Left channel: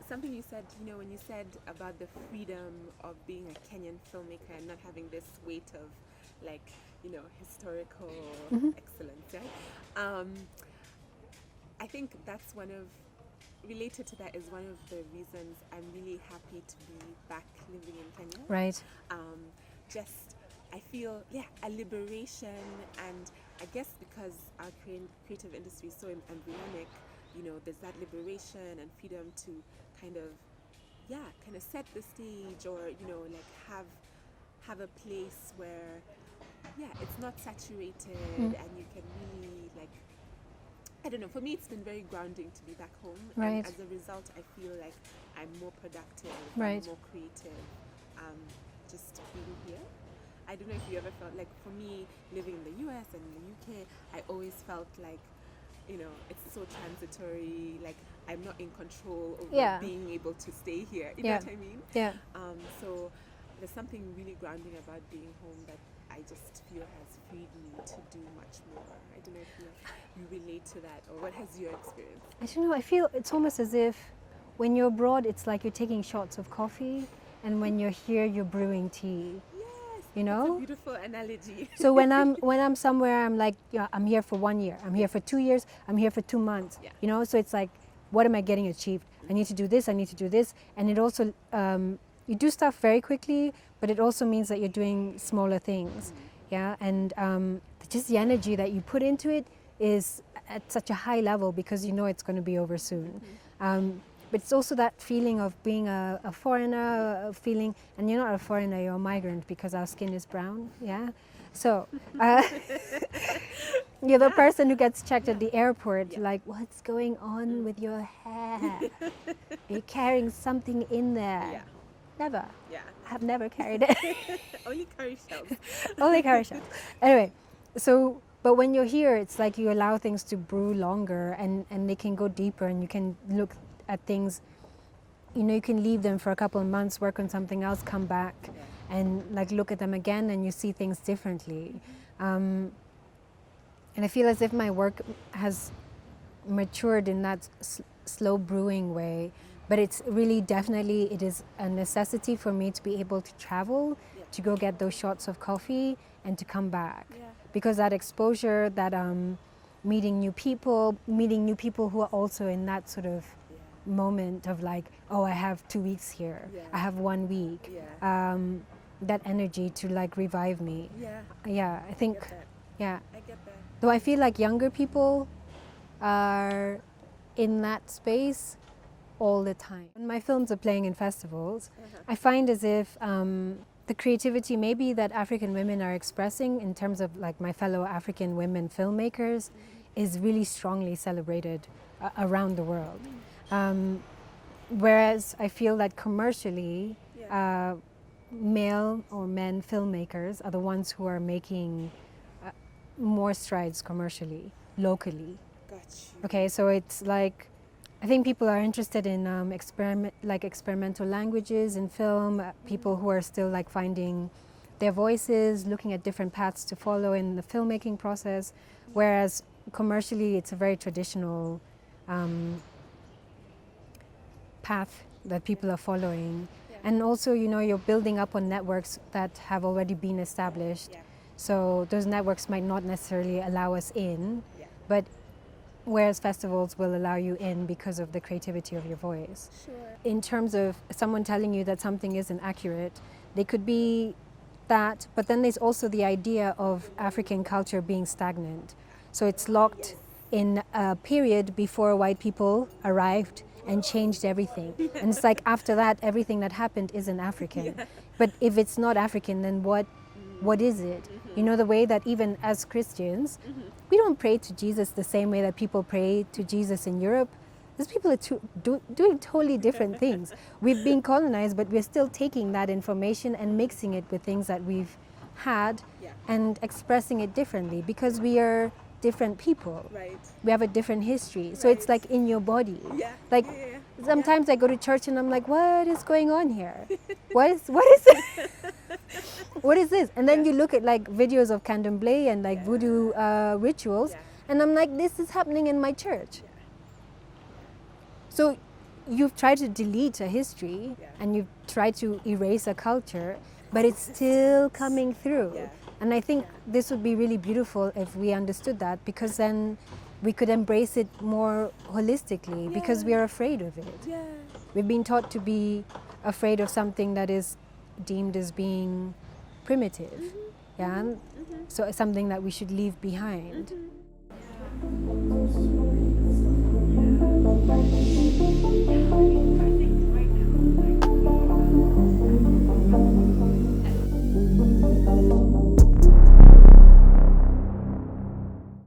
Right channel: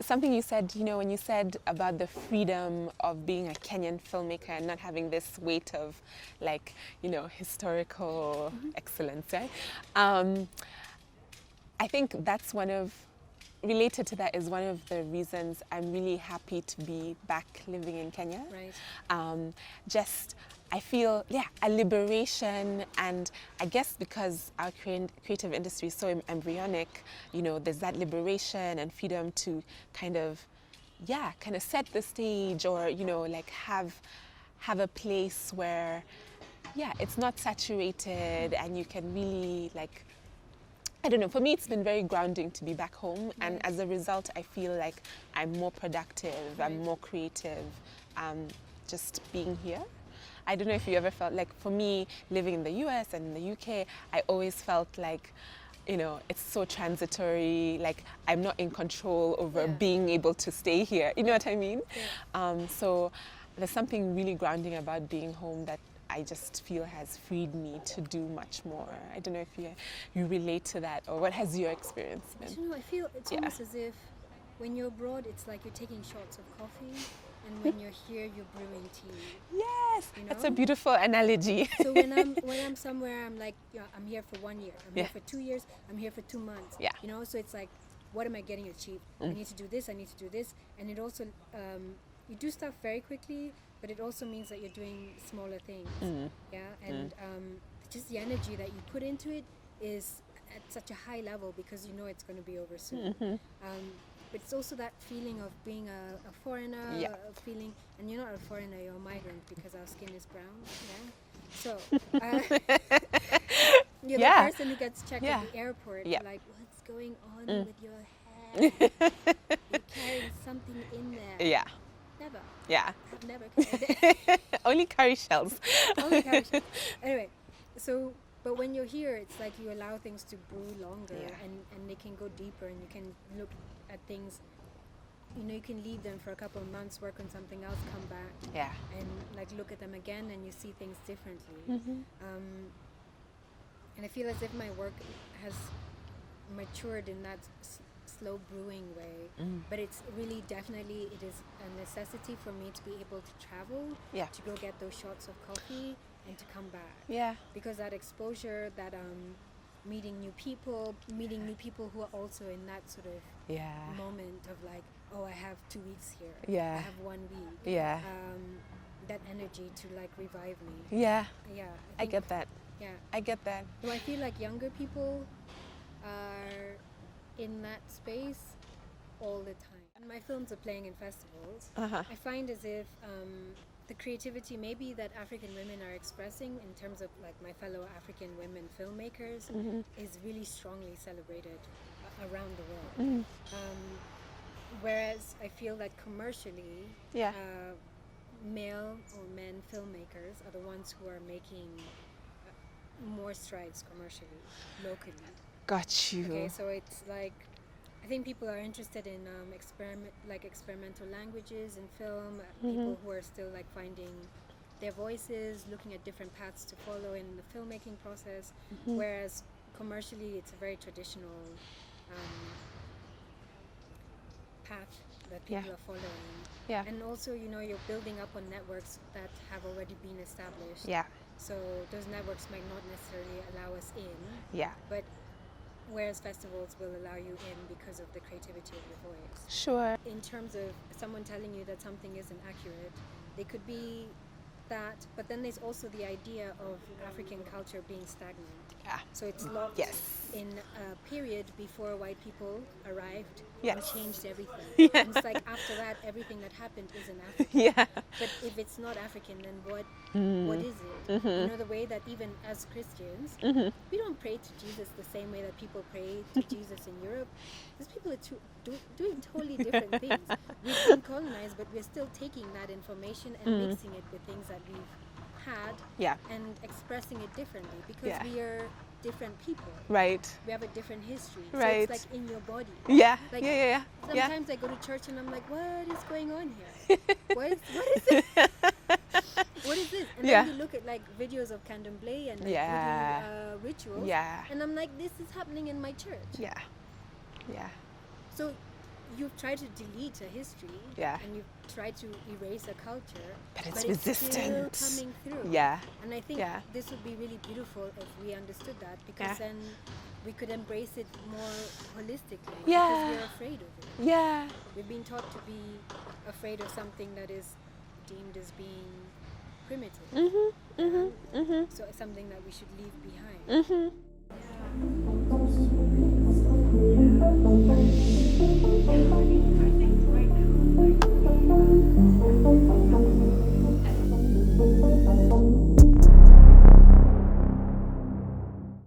Something you said, when you said about the freedom of being a Kenyan filmmaker and not having this weight of historical excellence, right? I think that's related to that is one of the reasons I'm really happy to be back living in Kenya. Right. I feel, a liberation, and I guess because our creative industry is so embryonic, there's that liberation and freedom to kind of set the stage, or, have a place where, it's not saturated and you can really, I don't know, for me it's been very grounding to be back home, and as a result I feel like I'm more productive, I'm more creative, just being here. I don't know if you ever felt like, for me, living in the US and in the UK, I always felt like, it's so transitory, like I'm not in control over being able to stay here. You know what I mean? Yeah. So there's something really grounding about being home that I just feel has freed me to do much more. I don't know if you relate to that, or what has your experience been? I don't know, I feel it's almost as if when you're abroad, it's like you're taking shots of coffee, and when you're here, you're brewing tea. Yes, that's a beautiful analogy. So when I'm somewhere, I'm like, I'm here for 1 year, I'm here for 2 years, I'm here for 2 months. Yeah. So it's like, what am I getting achieved? I need to do this, I need to do this, and it also you do stuff very quickly, but it also means that you're doing smaller things. And just the energy that you put into it is at such a high level, because it's going to be over soon. But it's also that feeling of being a foreigner, a feeling, and you're not a foreigner, you're a migrant, because our skin is brown. So you're the person who gets checked at the airport, like, what's going on with your hair? You're carrying something in there. Never. I have never carried it. Only curry shells. Only curry shells. Anyway, but when you're here, it's like you allow things to brew longer, and they can go deeper, and you can look at things, you can leave them for a couple of months, work on something else, come back, and look at them again, and you see things differently. And I feel as if my work has matured in that slow brewing way, but it's really definitely, it is a necessity for me to be able to travel, to go get those shots of coffee and to come back, because that exposure, that meeting new people who are also in that sort of moment of like, oh, I have 2 weeks here, I have 1 week, that energy to revive me. I think I get that. I get that. Though I feel like younger people are in that space all the time. When my films are playing in festivals, I find as if the creativity maybe that African women are expressing in terms of my fellow African women filmmakers is really strongly celebrated around the world. Whereas I feel that commercially, male or men filmmakers are the ones who are making more strides commercially, locally. Got you. Okay, so it's like, I think people are interested in experimental languages in film, people who are still finding their voices, looking at different paths to follow in the filmmaking process, whereas commercially it's a very traditional path that people are following. And also, you're building up on networks that have already been established. So those networks might not necessarily allow us in, but whereas festivals will allow you in because of the creativity of your voice. Sure. In terms of someone telling you that something isn't accurate, they could be that, but then there's also the idea of African culture being stagnant. So it's locked in a period before white people arrived and changed everything. And it's like after that, everything that happened isn't African. But if it's not African, then what is it? The way that even as Christians, we don't pray to Jesus the same way that people pray to Jesus in Europe. These people are doing totally different things. We've been colonized, but we're still taking that information and mixing it with things that we've had and expressing it differently, because we are different people. We have a different history. So it's like in your body. Sometimes I go to church and I'm like, what is going on here? What is it? What is this? And then you look at videos of candomblé and voodoo rituals, and I'm like, this is happening in my church. So you've tried to delete a history Yeah. and you've tried to erase a culture, But but it's still resistant. coming through. Yeah. And I think Yeah. this would be really beautiful if we understood that, because Yeah. then we could embrace it more holistically, because we Yeah. are afraid of it. Yeah. We've been taught to be afraid of something that is deemed as being primitive. Mm-hmm. Yeah? Mm-hmm. So it's something that we should leave behind. Mm-hmm.